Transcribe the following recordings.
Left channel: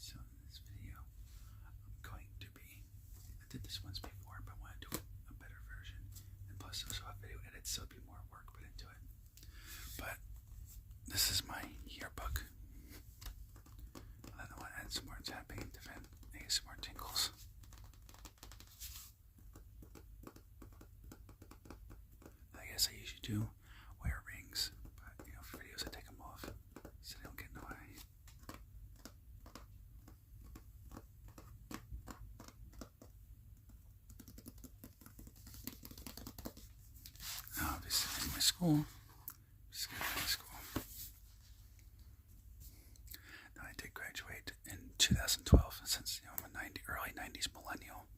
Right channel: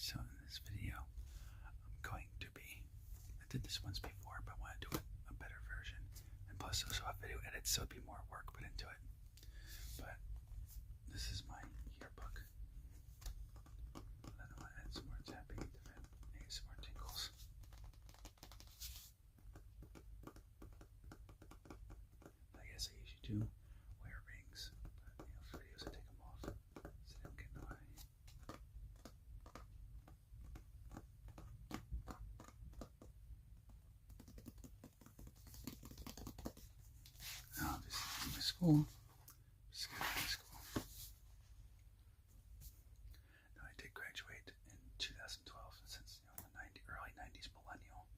So in this video, I'm going to be, I did this once before, but I want to do a better version. And plus also have video edits, so it'd be more work put into it. But this is my yearbook. I don't want to add some more tapping, different ASMR tingles. I guess I usually do wear rings, but for videos I take them off so they don't get in the way. Obviously, in my school. Now, I did graduate in 2012, since I'm a early 90s millennial.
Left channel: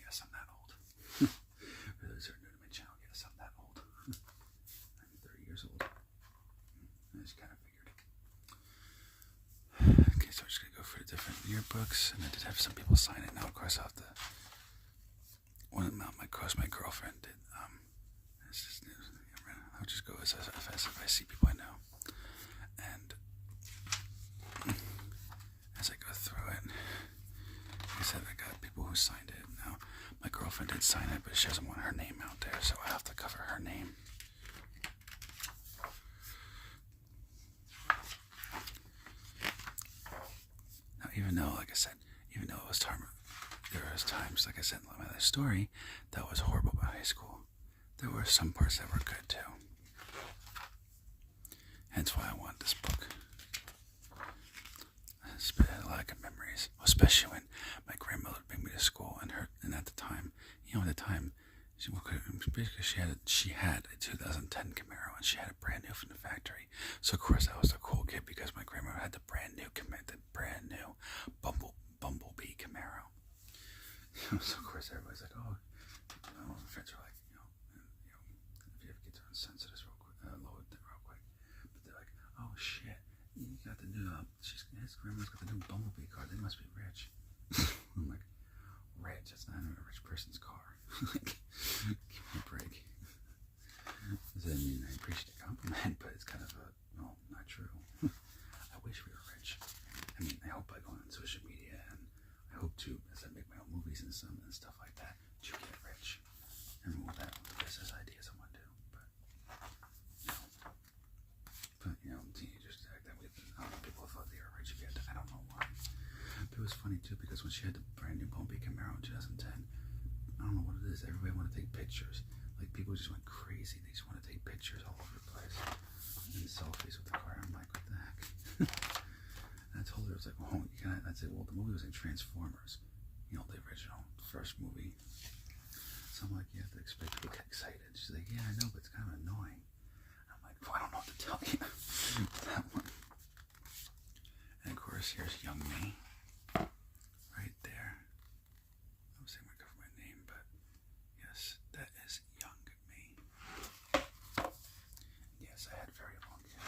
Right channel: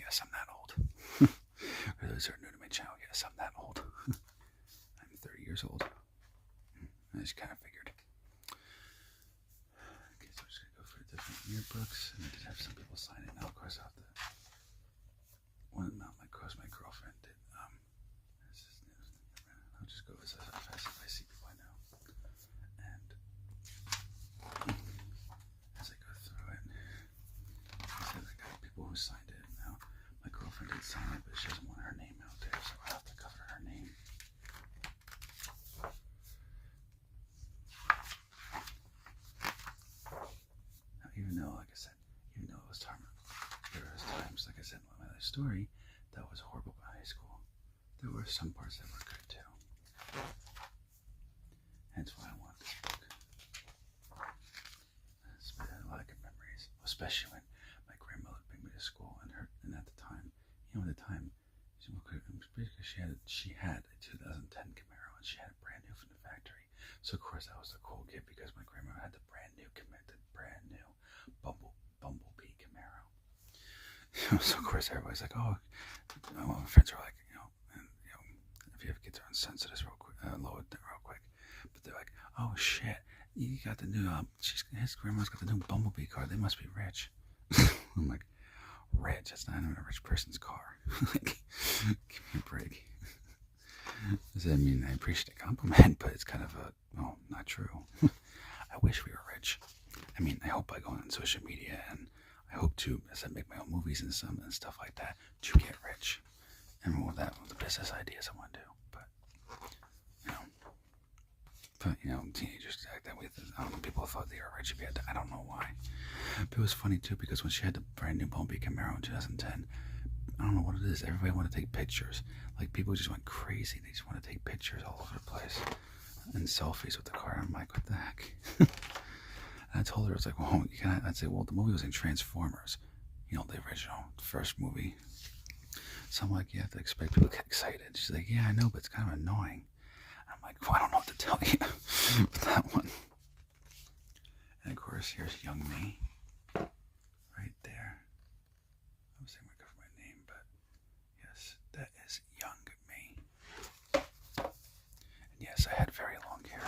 Yes, I'm that old. For those who are new to my channel, yes, I'm that old. I'm 30 years old. I just kind of figured. Okay, so I'm just going to go through the different yearbooks, and I did have some people sign it. Now, of course, I'll have to. My girlfriend did. I'll just go as I see people I know. And as I go through it, like I said, I got people who signed it. Now, my girlfriend did sign it, but she doesn't want her name out there, so I have to cover her name. Now, even though, like I said, even though it was there was times, like I said in my other story, that was horrible about high school. There were some parts that were good too. Hence why I want this book. It's been a lot of good memories, especially when my grandmother would bring me to school, and at the time, she had a 2010 Camaro, and she had it brand new from the factory. So of course I was the cool kid because my grandmother had the brand new Bumblebee Camaro. So of course everybody's like, oh, my friends were like, if you have kids on sensitive real quick, lower it real quick. But they're like, oh shit, you got the new, his grandma's got the new Bumblebee car, they must be rich. I'm like, rich? That's not even a rich person's car. Like, give me a break. I mean, I appreciate the compliment, but it's kind of not true. I wish we were rich. I mean, I hope by going on social media, and I hope to, as I make my own movies and stuff like that, to get rich. And with that, with the business ideas I want to do. Teenagers act that way. I don't know, people thought they were rich if you had to. I don't know why. But it was funny too, because when she had the brand new Bumblebee Camaro in 2010, I don't know what it is. Everybody wanted to take pictures. Like, people just went crazy. They just want to take pictures all over the place and selfies with the car. I'm like, what the heck? And I told her, I was like, well, I'd say, well, the movie was in Transformers, the original, first movie. So I'm like, you have to expect people to get excited. She's like, yeah, I know, but it's kind of annoying. I'm like, well, I don't know what to tell you with that one. And of course, here's young me, right there. I was saying I cover my name, but yes, that is young me. And yes, I had very long hair.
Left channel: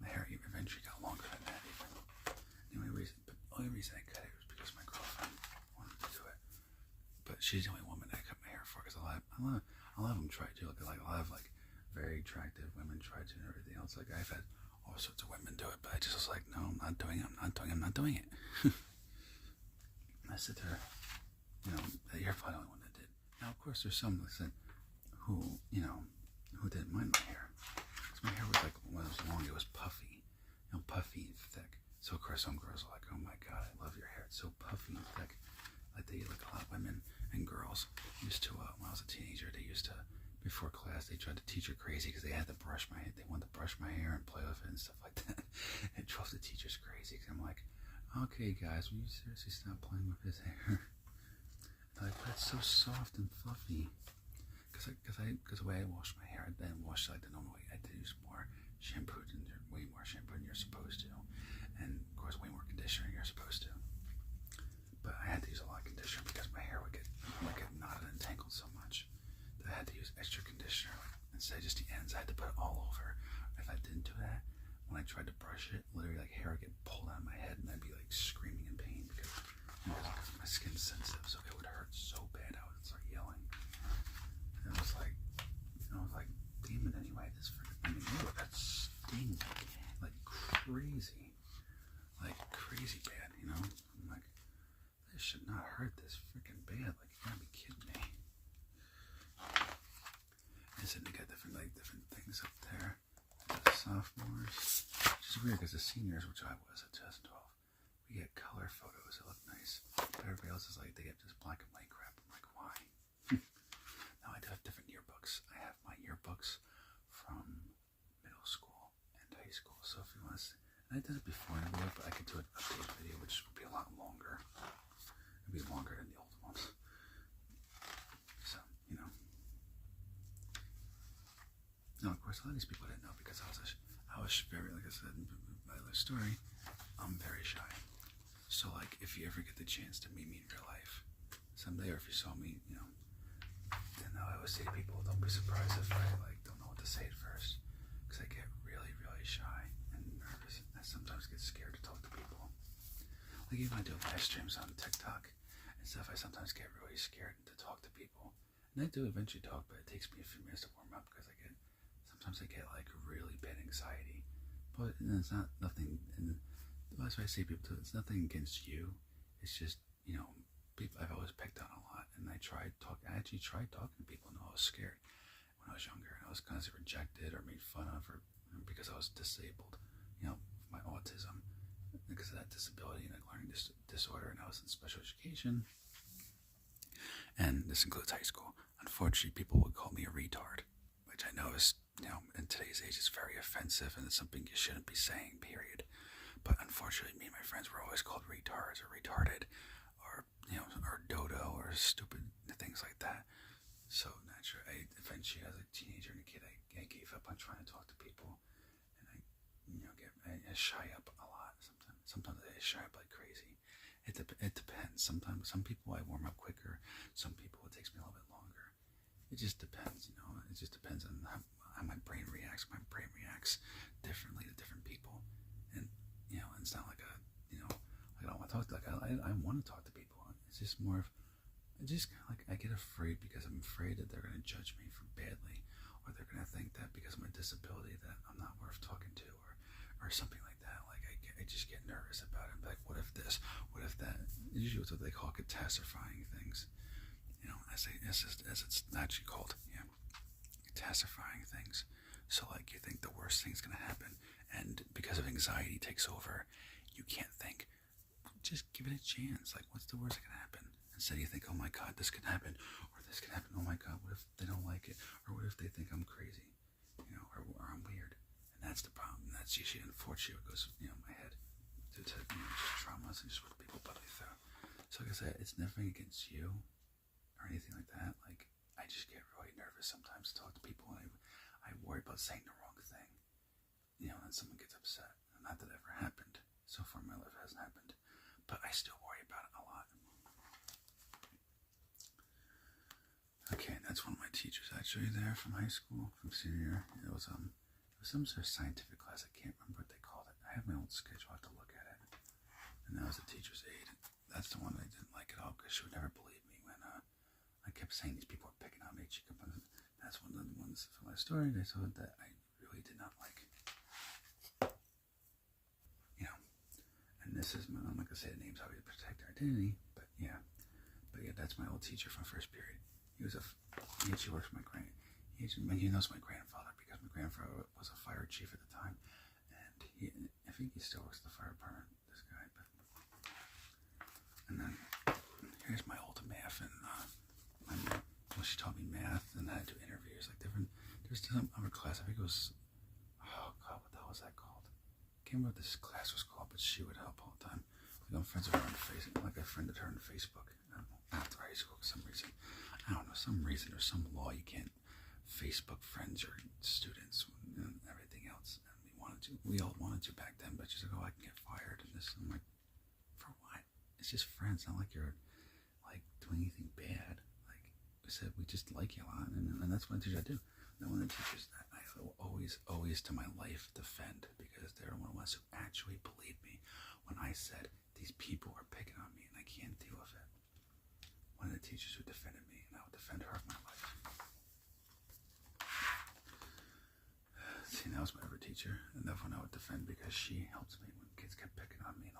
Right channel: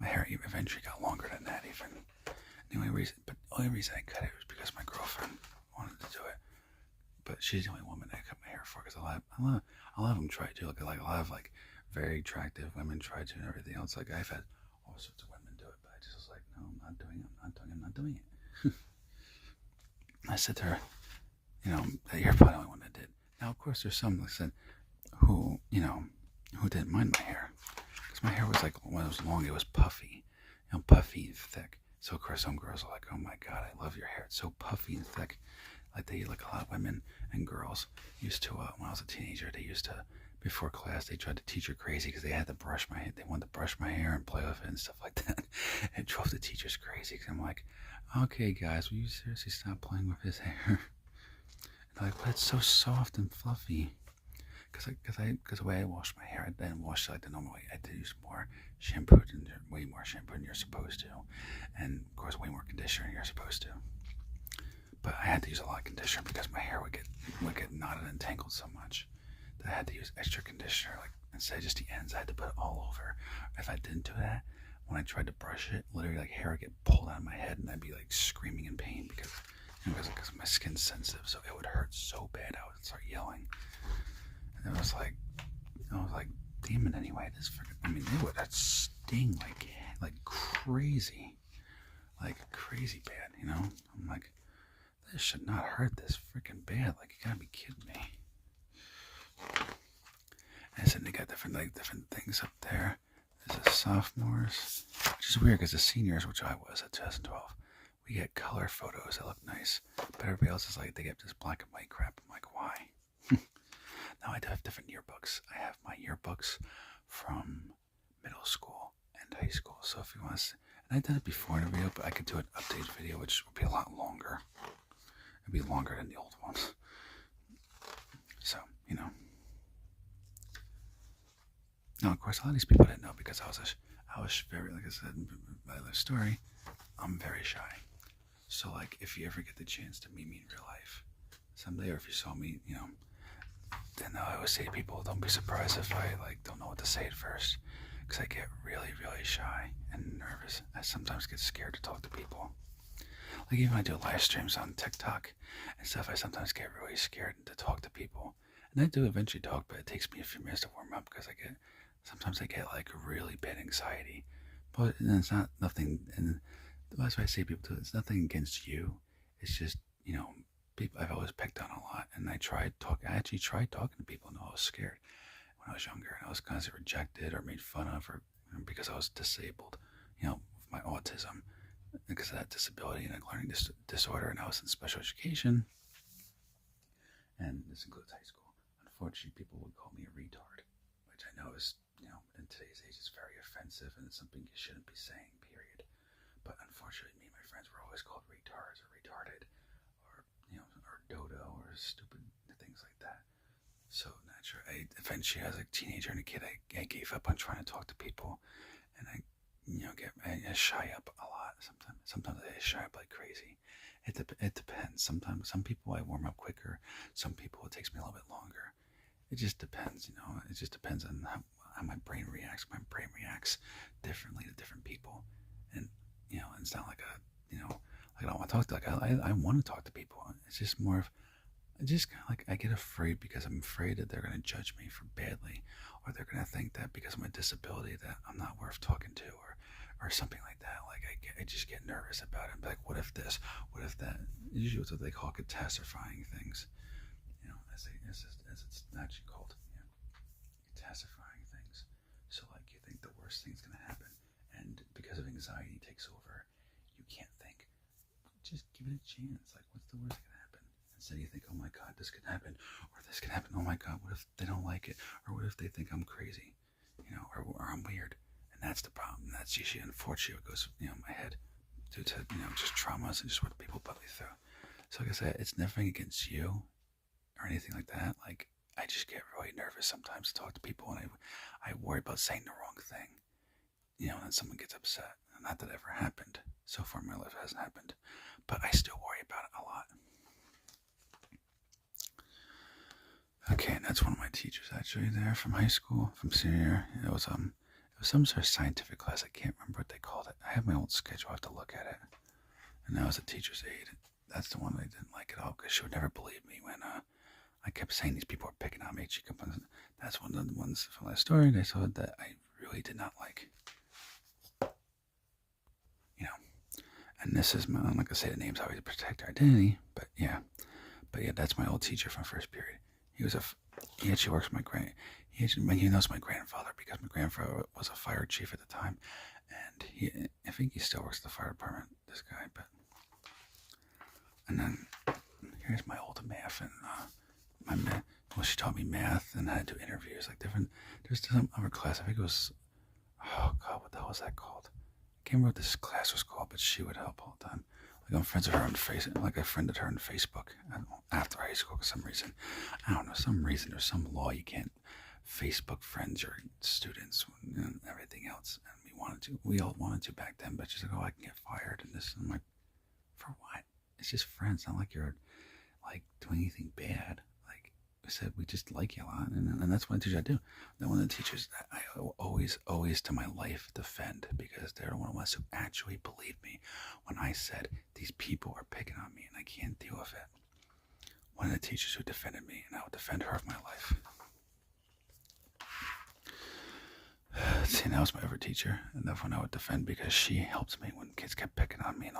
My hair eventually got longer than that, even. The only reason I cut it was because my girlfriend wanted to do it. But she's the only woman that I cut my hair for, because a lot of them try to. Like a lot of very attractive women try to, and everything else. Like, I've had all sorts of women do it, but I just was like, no, I'm not doing it. I said to her, that you're probably the only one that did. Now, of course, there's some that said who didn't mind my hair, because my hair was like, when it was long, it was puffy, puffy and thick. So of course, some girls are like, oh my god, I love your hair. It's so puffy and thick. Like a lot of women and girls used to, when I was a teenager, they used to, before class, they tried to teach her crazy because they had to brush my hair. They wanted to brush my hair and play with it and stuff like that. It drove the teachers crazy, because I'm like, okay, guys, will you seriously stop playing with his hair? And they're like, but it's so soft and fluffy. Because the way I wash my hair, I didn't wash it like the normal way. I had to use more shampoo, way more shampoo than you're supposed to. And, of course, way more conditioner than you're supposed to. But I had to use a lot of conditioner because my hair would get knotted and tangled so much that I had to use extra conditioner. Like, instead of just the ends, I had to put it all over. If I didn't do that, when I tried to brush it, literally hair would get pulled out of my head, and I'd be screaming in pain because my skin's sensitive, so it would hurt so bad I would start yelling. And it was like, damn it, anyway, that sting like crazy. like crazy bad, you know? I'm like, this should not hurt this freaking bad. Like, you gotta be kidding me. And so they got different things up there. There's the sophomores, which is weird because the seniors, which I was at 2012, we get color photos that look nice. But everybody else is like, they get this black and white crap. I'm like, why? Now I do have different yearbooks. I have my yearbooks from middle school and high school. So if you want to see, and I did it before in a video, but I could do an update video, which would be a lot longer. It'd be longer than the old ones. So, you know. Now, of course, a lot of these people didn't know because I was very, like I said in my other story, I'm very shy. So, like, if you ever get the chance to meet me in real life someday, or if you saw me, you know, then I always say to people, don't be surprised if I, like, don't know what to say at first. Because I get really, really shy and nervous. I sometimes get scared to talk to people. Like, even when I do live streams on TikTok and stuff, I sometimes get really scared to talk to people. And I do eventually talk, but it takes me a few minutes to warm up because sometimes I get like really bad anxiety. But it's not nothing, and that's why I say people do it. It's nothing against you. It's just, you know, people I've always picked on a lot, and I actually tried talking to people, and I was scared when I was younger, and I was constantly rejected or made fun of, or because I was disabled, you know, with my autism, because of that disability and a learning disorder, and I was in special education, and this includes high school. Unfortunately, people would call me a retard, which I know is, you know, in today's age, it's very offensive, and it's something you shouldn't be saying, period. But unfortunately, me and my friends were always called retards or retarded, or, you know, or dodo or stupid things like that. So naturally, eventually, as a teenager and a kid, I gave up on trying to talk to people, and I shy up a lot. Sometimes I shy up like crazy. It depends. Sometimes some people I warm up quicker. Some people it takes me a little bit longer. It just depends, you know. It just depends on how my brain reacts. My brain reacts differently to different people, and you know, it's not like I don't want to talk to. Like I want to talk to people. It's just more of, I get afraid because I'm afraid that they're gonna judge me for badly, or they're gonna think that because of my disability that I'm not worth talking to, or something like that. Like I just get nervous about it. Like, what if this? What if that? Usually, it's what they call catastrophizing things. You know, as it's actually called, yeah, catastrophizing things. So like you think the worst thing's gonna happen, and because of anxiety takes over, you can't think. Just give it a chance. Like, what's the worst that can happen? Instead, you think, oh my God, this could happen, or this could happen. Oh my God, what if they don't like it, or what if they think I'm crazy, you know, or I'm weird? And that's the problem. That's usually, unfortunately, what goes, you know, in my head due to, you know, just traumas and just what people put me through. So like I said, it's nothing against you or anything like that. Like, I just get really nervous sometimes to talk to people, and I worry about saying the wrong thing, you know, and then someone gets upset. And not that it ever happened. So far in my life, it hasn't happened, but I still worry about it a lot. Okay, and that's one of my teachers actually there from high school, from senior year. It was some sort of scientific class. I can't remember what they called it. I have my old schedule. I have to look at it. And that was a teacher's aide. That's the one I didn't like at all because she would never believe me when I kept saying these people are picking on me. That's one of the ones from that story. They saw that I really did not like. You know, and this is I'm not gonna say the names always to protect our identity, but yeah, that's my old teacher from first period. He actually works with he knows my grandfather because my grandfather was a fire chief at the time, and I think he still works at the fire department. This guy, and then here's my old math and she taught me math and I had to do interviews like different. There's some other class. I think it was, oh God, what the hell was that called? I can't remember what this class was called, but she would help all the time. Like I'm friends with her on Facebook. Like I friended her on Facebook after high school for some reason. I don't know, there's some law you can't Facebook friends your students and everything else. And we all wanted to back then, but she's like, oh, I can get fired and this. And I'm like, for what? It's just friends. Not like you're like doing anything bad. Like I said, we just like you a lot, and that's one teacher I do. And one of the teachers I always to my life defend because they're one of the ones who actually believed me when I said these people are picking on me and I can't deal with it. One of the teachers who defended me, and I would defend her of my life. See, that was my favorite teacher, and that one I would defend because she helped me when kids kept picking on me and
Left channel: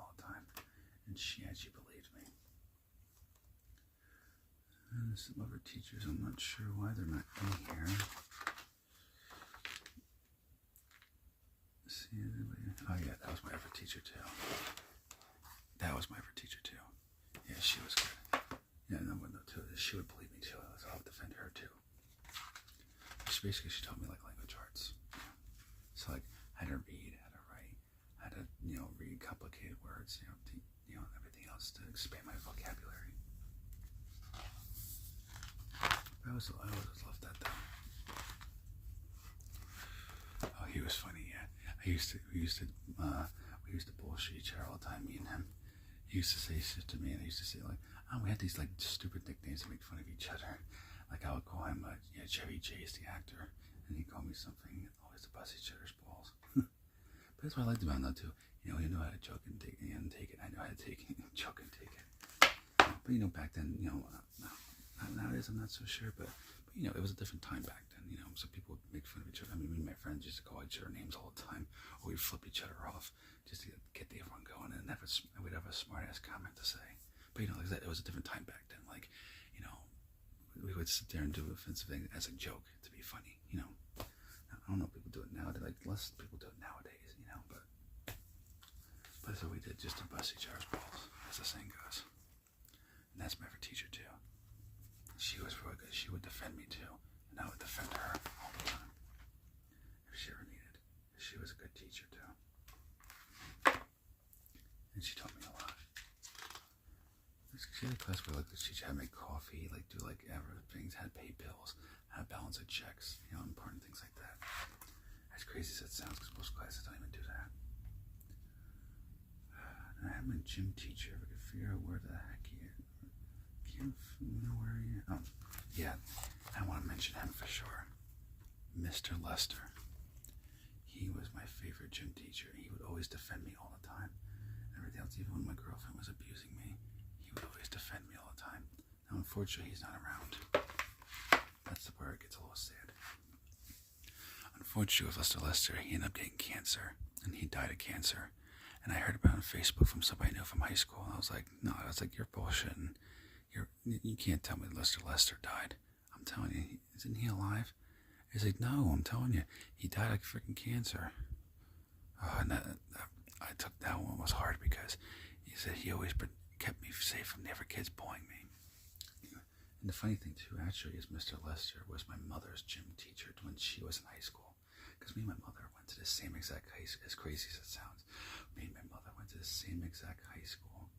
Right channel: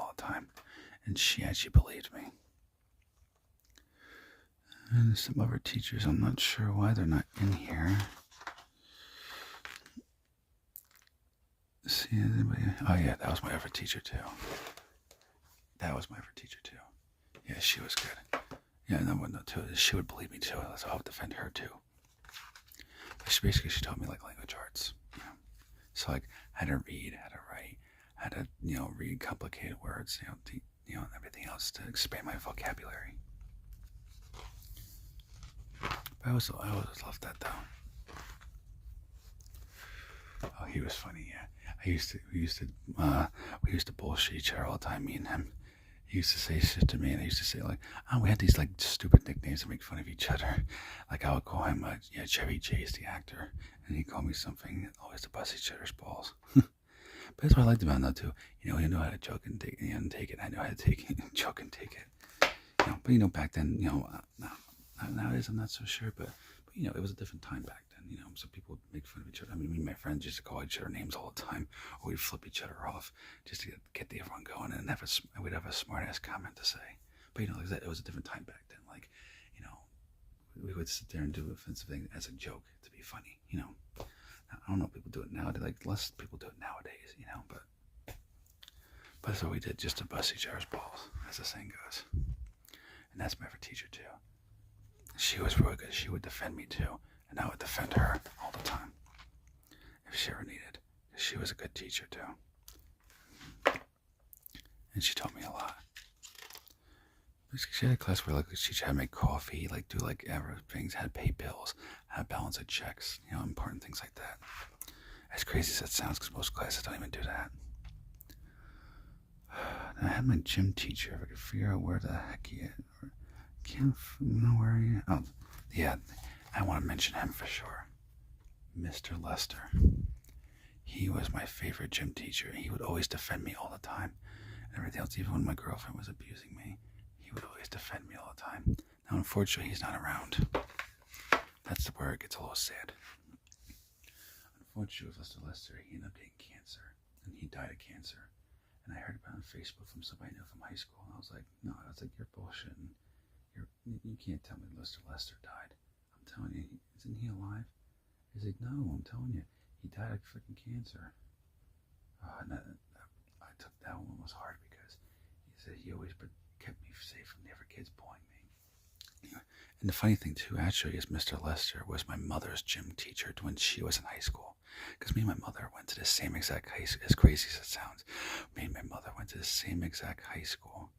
and she actually believed me. And some other teachers, I'm not sure why they're not in here. See anybody? Oh yeah, that was my other teacher too. Yeah, she was good. Yeah, no one too. She would believe me too, so I would defend her too. She taught me like language arts. You know? So like how to read, how to write, how to read complicated words, and everything else to expand my vocabulary. But I always loved that though. Oh, he was funny. Yeah, we used to bullshit each other all the time. Me and him. He used to say shit to me, and I used to say like, oh, we had these like stupid nicknames to make fun of each other. Like I would call him Chevy Chase, the actor, and he'd call me something always to bust each other's balls. But that's what I liked about him though too. He knew how to joke and take it. I know how to take it, joke and take it. But back then, nowadays I'm not so sure, but it was a different time back then. So people would make fun of each other. I mean, me and my friends used to call each other names all the time, or we'd flip each other off just to get everyone going, and we'd have a smart ass comment to say. But like that, it was a different time back then. Like, we would sit there and do offensive things as a joke to be funny. I don't know if people do it nowadays. Like less people do it nowadays. But that's what we did, just to bust each other's balls, as the saying goes. And that's my favorite teacher too. She was really good. She would defend me too, and I would defend her all the time if she ever needed. She was a good teacher too, and she taught me a lot. She had a class where she teach how to make coffee, do things, how to pay bills, how to balance the checks, important things like that. As crazy as that sounds, because most classes don't even do that. And I had my gym teacher. If I could figure out where the heck he is. Can't know where he is. Oh, yeah. I want to mention him for sure. Mr. Lester. He was my favorite gym teacher. He would always defend me all the time. And everything else, even when my girlfriend was abusing me, he would always defend me all the time. Now, unfortunately, he's not around. That's where it gets a little sad. Unfortunately, with Mr. Lester, he ended up getting cancer. And he died of cancer. And I heard about it on Facebook from somebody I knew from high school. And I was like, no, you're bullshitting. You can't tell me Lester died. I'm telling you, isn't he alive? He's like, no, I'm telling you, he died of freaking cancer. And I took that one was hard because he said he always kept me safe from the other kids bullying me. And the funny thing too, actually, is Mr. Lester was my mother's gym teacher when she was in high school. Because me and my mother went to the same exact high school, as crazy as it sounds. Me and my mother went to the same exact high school.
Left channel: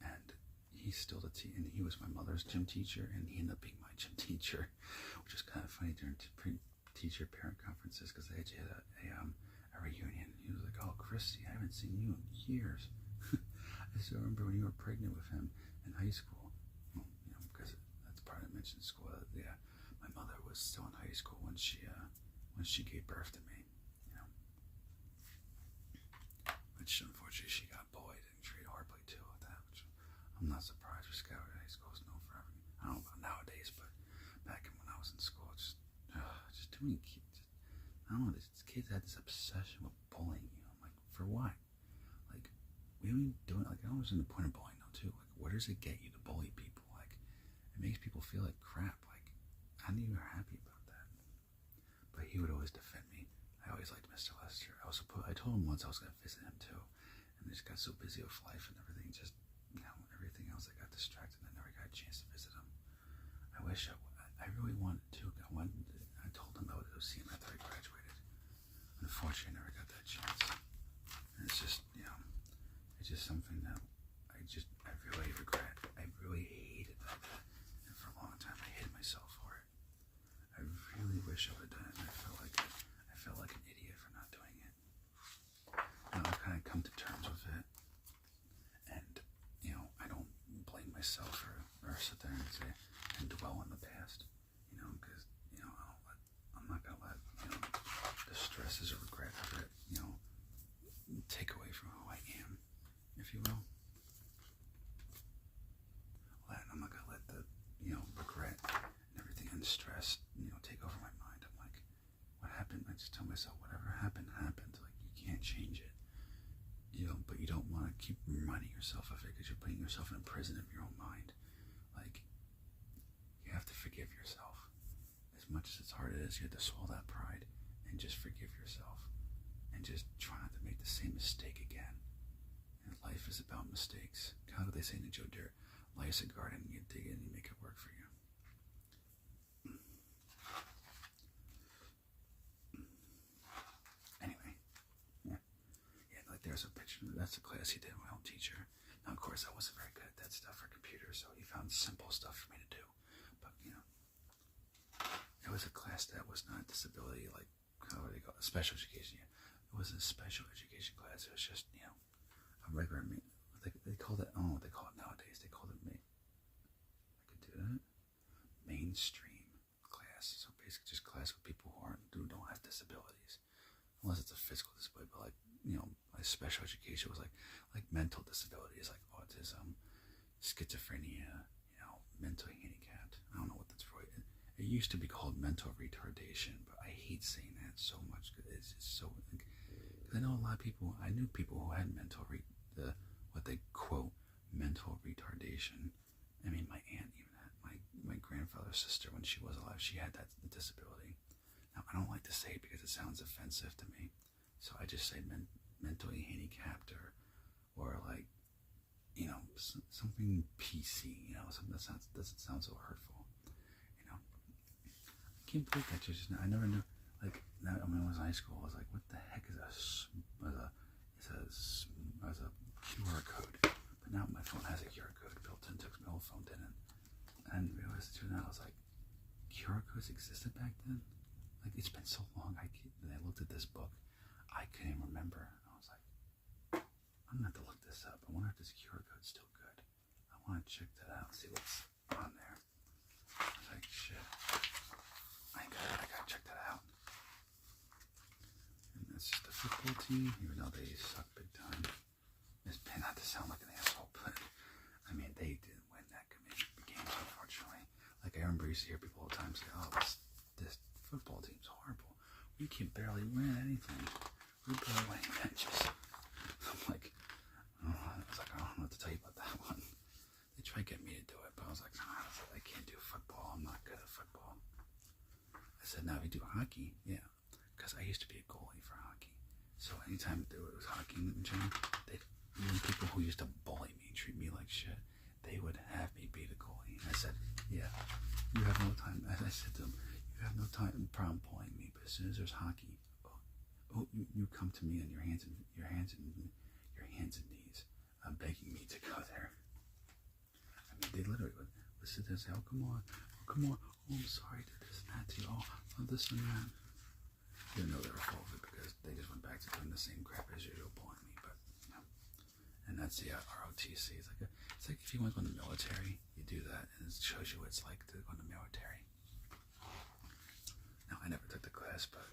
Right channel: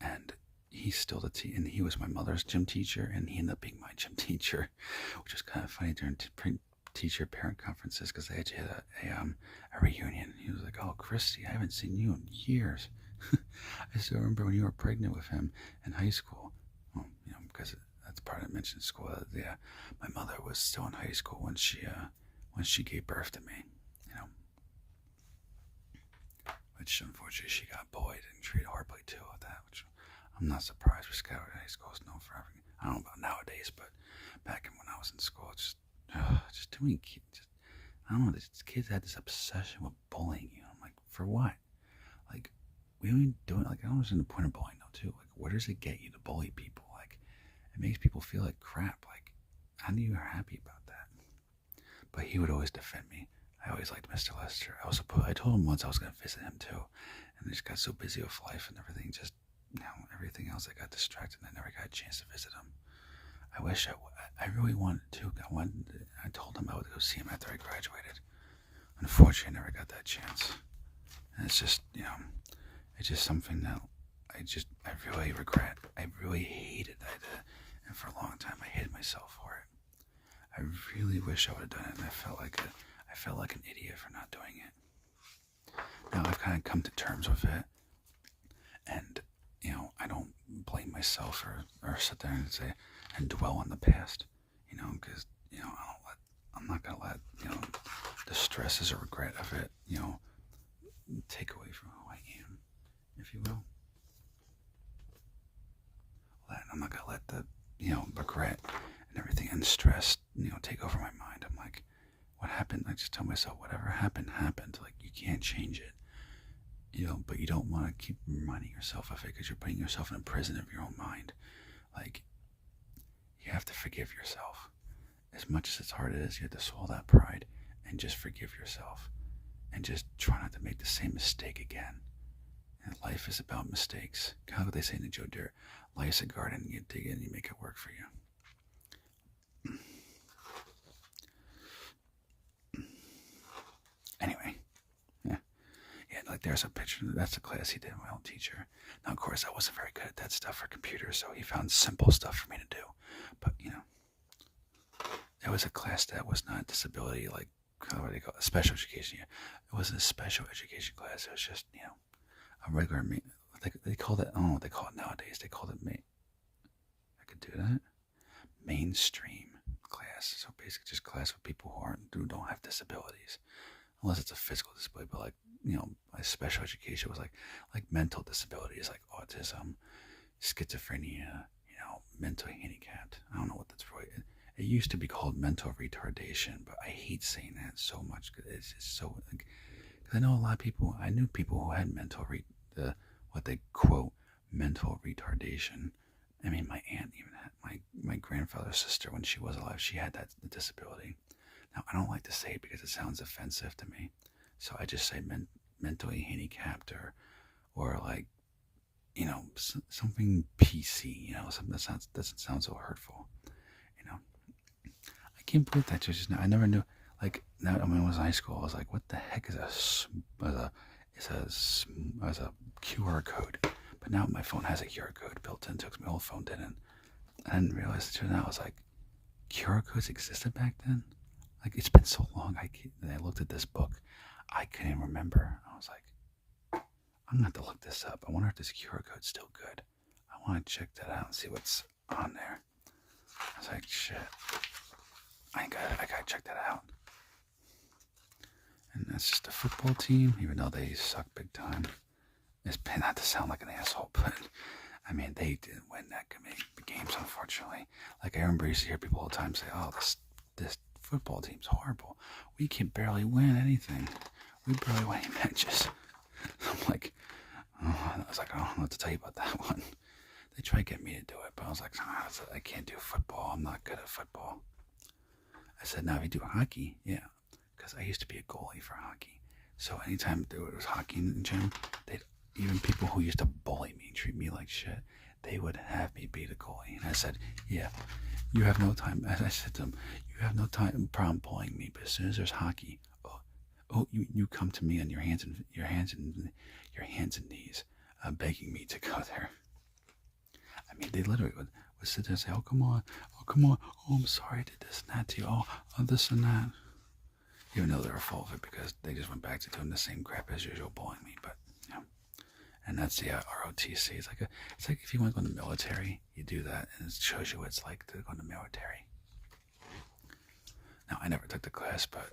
And he's still and he was my mother's gym teacher, and he ended up being my gym teacher, which was kind of funny during teacher parent conferences, because they actually had a reunion. He was like, oh, Christy, I haven't seen you in years. I still remember when you were pregnant with him in high school. Well, because that's part I mentioned in school. My mother was still in high school when she gave birth to me, which unfortunately she got bullied and treated horribly too with that, which I'm not surprised. Scouted High School is known for everything. I don't know about nowadays, but back when I was in school, it's just too many kids. I don't know, these kids had this obsession with bullying you. I'm like, for what? Like, we don't even do it. Like, I don't understand the point of bullying though too. Like, where does it get you to bully people? Like, it makes people feel like crap. Like, how do you happy about that? But he would always defend me. I always liked Mr. Lester. I told him once I was going to visit him too, and I just got so busy with life and everything. Just everything else, I got distracted, and I never got a chance to visit him. I wish I really wanted to. I told him I would go see him after I graduated. Unfortunately, I never got that chance. And it's just, it's just something that I really regret. I really hated that I did. And for a long time, I hated myself for it. I really wish I would have done it, and I felt like an idiot for not doing it. Now I've kind of come to terms with it, and I don't blame myself or sit there and say and dwell on the past, because I'm not gonna let the stresses or regret of it take away from who I am, if you will. I'm not gonna let the regret and everything and stress take over my mind. I'm like, what happened? I just tell myself, whatever happened happened. Like, you can't change it. but you don't want to keep reminding yourself of it because you're putting yourself in a prison of your own mind. Like, you have to forgive yourself. As much as it's hard as it is, you have to swallow that pride and just forgive yourself. And just try not to make the same mistake again. And life is about mistakes. Kind of what they say in the Joe Dirt. Life's a garden, you dig in, you make it work for you. Anyway, yeah, like there's a picture. That's a class he did, my old teacher. Now, of course, I wasn't very good at that stuff for computers, so he found simple stuff for me to do. But, it was a class that was not disability, like, what do they call it? Special education. Yeah. It wasn't a special education class. It was just, a regular, they called it, I don't know what they call it nowadays. They called it, I could do that, mainstream class. So basically just class with people who don't have disabilities. Unless it's a physical disability, but my special education was like mental disabilities, like autism, schizophrenia, mentally handicapped. I don't know what that's for. It used to be called mental retardation, but I hate saying that so much because it's just so. Because I know a lot of people. I knew people who had what they quote mental retardation. I mean, my aunt even had my grandfather's sister when she was alive. She had that disability. Now, I don't like to say it because it sounds offensive to me, so I just say mentally handicapped or like, something PC, something that doesn't sound so hurtful, I can't believe that just now. I never knew, like, now when I was in high school, I was like, what the heck is a QR code? But now my phone has a QR code built into it because my old phone didn't. I didn't realize it. Now I was like, QR codes existed back then? Like, it's been so long. I looked at this book. I couldn't even remember. I was like, I'm going to have to look this up. I wonder if this QR code's still good. I want to check that out and see what's on there. I was like, shit. I gotta check that out. And that's just a football team, even though they suck big time. It's been not to sound like an asshole, but I mean, they didn't win that many games, unfortunately. Like, I remember used to hear people all the time say, oh, this football team's horrible. We can barely win anything. We barely win any matches. I'm like, I was like, I don't know what to tell you about that one. They tried to get me to do it, but I was like, I can't do football. I'm not good at football. I said, now if you do hockey, yeah, because I used to be a goalie for hockey. So anytime there was hockey in the gym, even people who used to bully me, treat me like shit, they would have me be the goalie. And I said, yeah, you have no time. As I said to them, you have no problem bullying me, but as soon as there's hockey, you come to me on your hands and knees, begging me to go there. I mean, they literally would sit there and say, oh, come on, oh, I'm sorry I did this and that to you, oh, this and that. Even though they were full of it because they just went back to doing the same crap as usual, bullying me, but, And that's the ROTC. It's like if you want to go in the military, you do that, and it shows you what it's like to go in the military. Now, I never took the class, but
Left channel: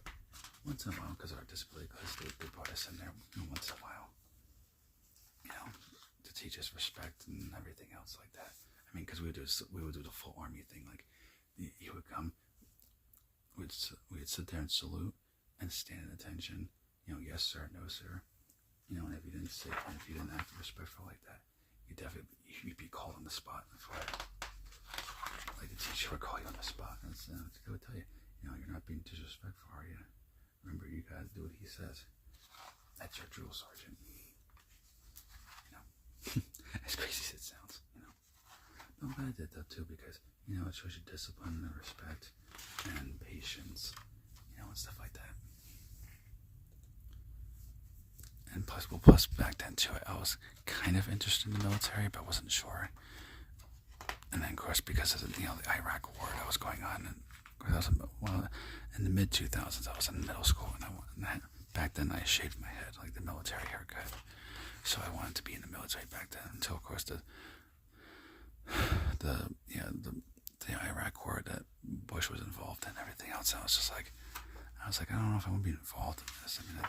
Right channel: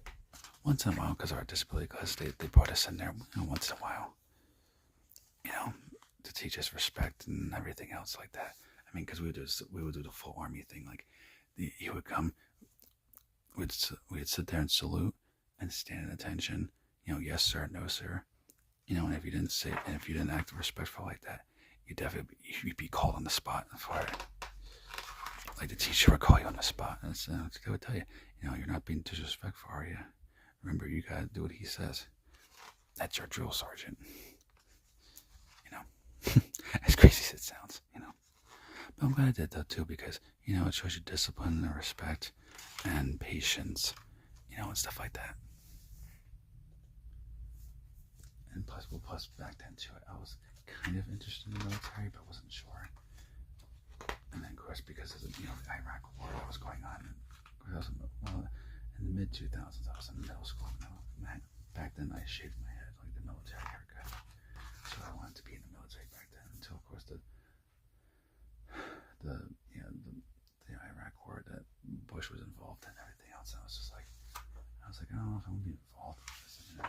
once in a while, because of our disability class, they brought us in there once in a while, to teach us respect and everything else like that. I mean, because we would do the full army thing. Like, he would come, we'd sit there and salute and stand at attention. Yes sir, no sir. And if you didn't act respectful like that, you'd be called on the spot for it. Like, the teacher would call you on the spot, and they would tell you, you're not being disrespectful, are you? Remember, you gotta do what he says. That's your drill sergeant. As crazy as it sounds, But I'm glad I did that too, because, it shows you discipline and respect and patience, and stuff like that. And plus back then too, I was kind of interested in the military, but I wasn't sure. And then, of course, because of the Iraq War that was going on, and in the mid 2000s, I was in middle school, and back then I shaved my head like the military haircut. So I wanted to be in the military back then, until, of course, the Iraq War that Bush was involved in, and everything else. I was like, I don't know if I want to be involved in this. I mean,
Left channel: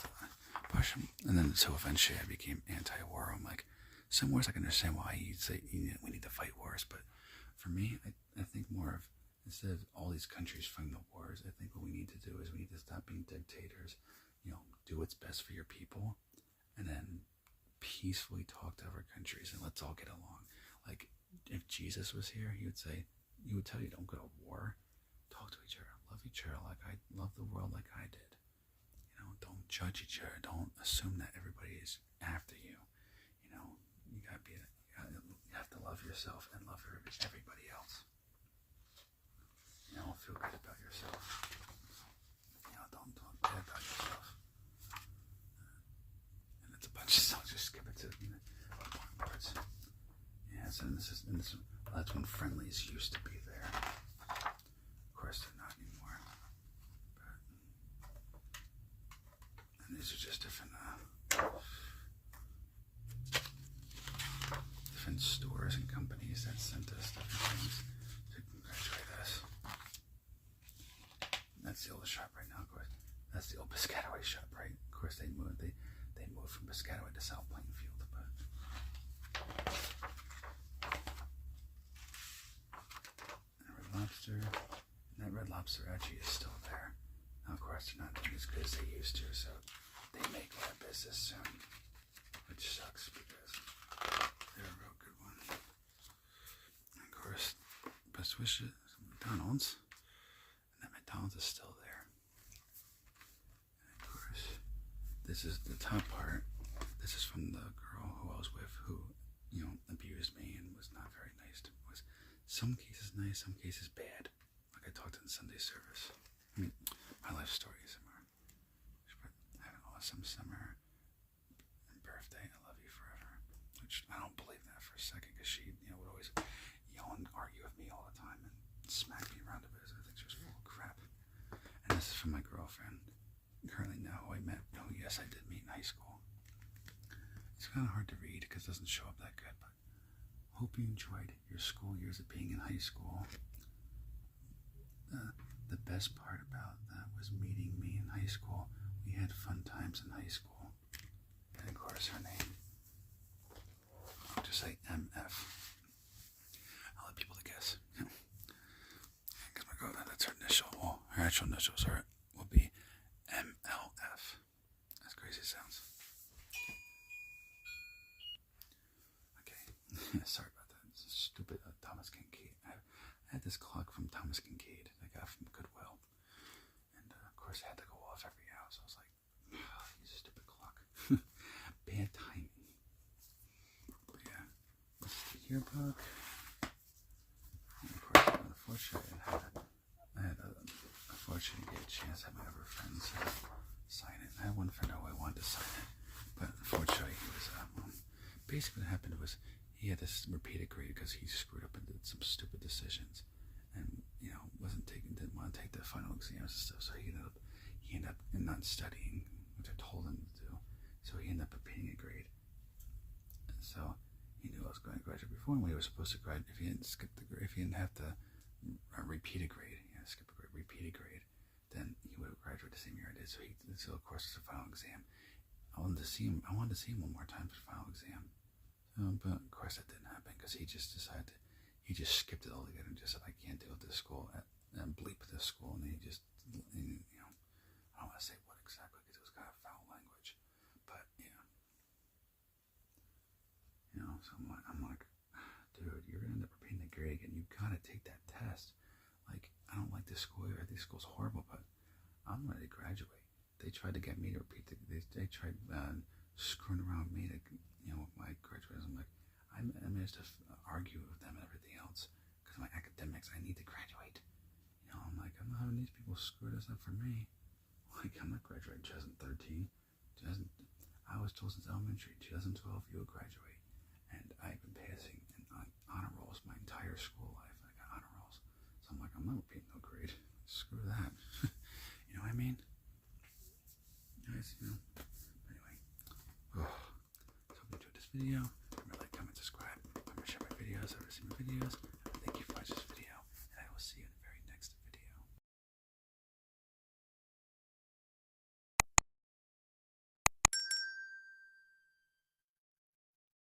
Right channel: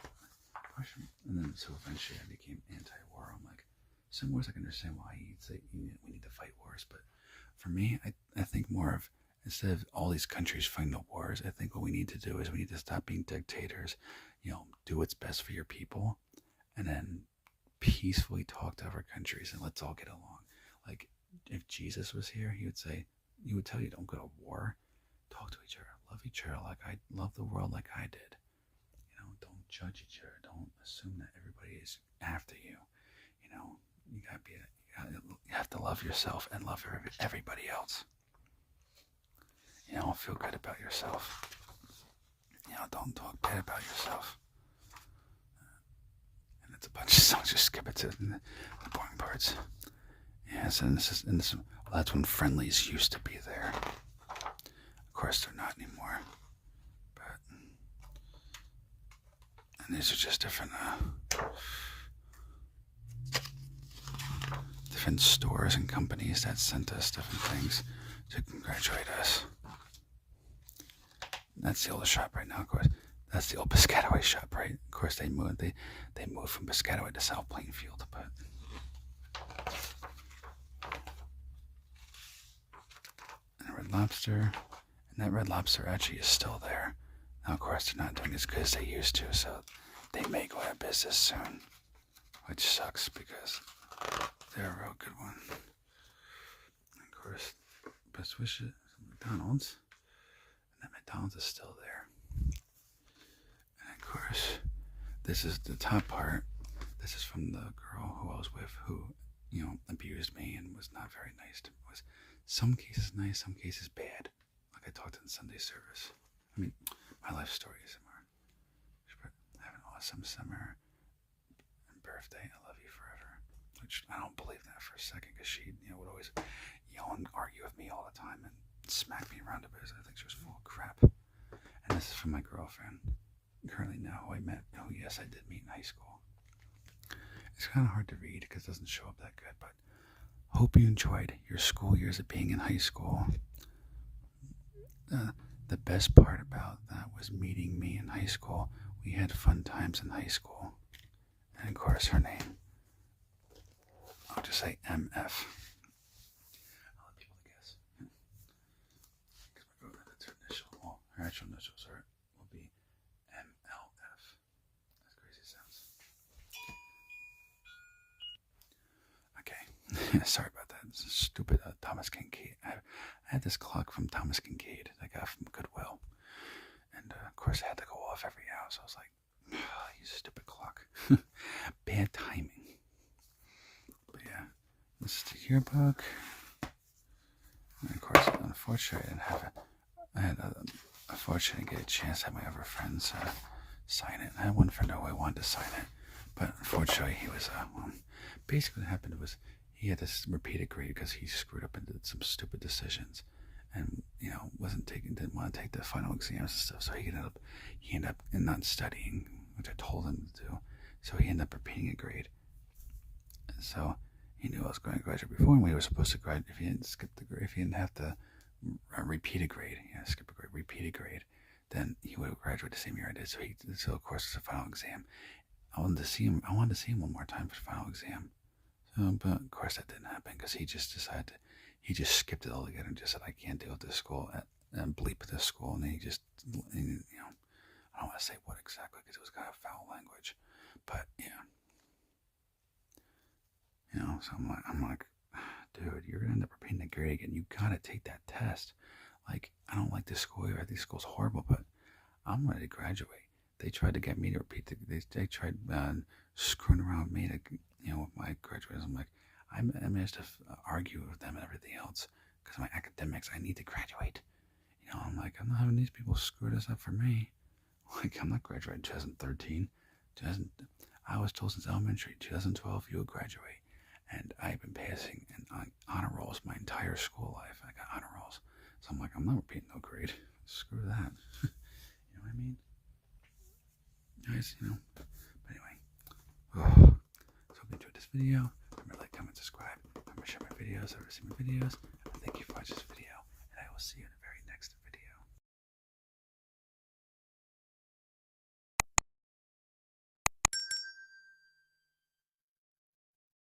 Bush, and then so eventually I became anti-war. I'm like, some wars I can understand why you say we need to fight wars, but for me, I think more of, instead of all these countries fighting the wars, I think what we need to do is we need to stop being dictators. Do what's best for your people, and then peacefully talk to other countries and let's all get along. Like, if Jesus was here, he would tell you, don't go to war. Talk to each other. Love each other like I love the world like I did. Don't judge each other. Don't assume that everybody is after you. You have to love yourself and love everybody else. Feel good about yourself. Don't talk bad about yourself. And it's a bunch of songs. Just skip it to the boring parts. Yes, and that's when friendlies used to be there. Of course, they're not anymore. And these are just different stores and companies that sent us different things to congratulate us. That's the oldest shop right now, of course. That's the old Piscataway shop, right? Of course, they moved from Piscataway to South Plainfield, but and Red Lobster, and that Red Lobster actually is still there. Now, of course, they're not doing as good as they used to, so they may go out of business soon, which sucks because they're a real good one. And of course, best wishes, McDonald's. And that McDonald's is still there. And of course, this is the top part. This is from the girl who I was with who, abused me and was not very nice. Was some cases nice, some cases bad. Like I talked in Sunday service. I mean, my life story is similar. Have an awesome summer and birthday. I love you forever. Which I don't believe that for a second because she, would always yell and argue with me all the time and smack me around a bit. I think she was full of crap. And this is from my girlfriend, currently now who I met. Oh yes, I did meet in high school. It's kind of hard to read because it doesn't show up that good, but hope you enjoyed your school years of being in high school. The best part about that was meeting me in high school. We had fun times in high school. And of course, her name, I'll just say MF. I'll let people to guess. That's her initial. Well, her actual initials will be MLF. As crazy as it sounds. Okay. Sorry about that. This is stupid Thomas Kincaid. I had this clock from Thomas Kincaid I got from Goodwill. And of course it had to go off every hour. So I was like, you stupid clock. Bad timing. But yeah, this is the yearbook. And of course, unfortunately, I had unfortunately get a chance to have my other friends sign it. I had one friend who I wanted to sign it, but unfortunately he was, basically what happened was he had this repeated grade because he screwed up and did some stupid decisions and, didn't want to take the final exams and stuff, so he ended up not studying, which I told him to do, so he ended up repeating a grade. And so he knew I was going to graduate before, and we were supposed to graduate if he didn't skip the grade, if he didn't have to repeat a grade, skip a grade, repeat a grade, then he would have graduated the same year I did. So of course it's a final exam. I wanted to see him one more time for the final exam. So, but of course that didn't happen because he just decided he just skipped it altogether and just said, I can't deal with this school and bleep this school. And then he just, I don't want to say what exactly because it was kind of foul language, but yeah. So I'm like, dude, you're going to end up repeating the grade again. You got to take that test. Like, I don't like this school here. I think school's horrible, but I'm ready to graduate. They tried to get me to repeat they tried screwing around with me to, with my graduation. I'm like, I managed to argue with them and everything else because of my academics. I need to graduate. I'm like, I'm not having these people screw this up for me. Like, I'm not graduating 2013. I was told since elementary, 2012, you will graduate. And I've been passing in honor rolls my entire school life. I got honor rolls. So I'm like, I'm not repeating no grade. Screw that. You know what I mean? Guys, But anyway. So hope you enjoyed this video. Remember, like, comment, subscribe. Remember, share my videos. Ever see my videos. Thank you for watching this video. And I will see you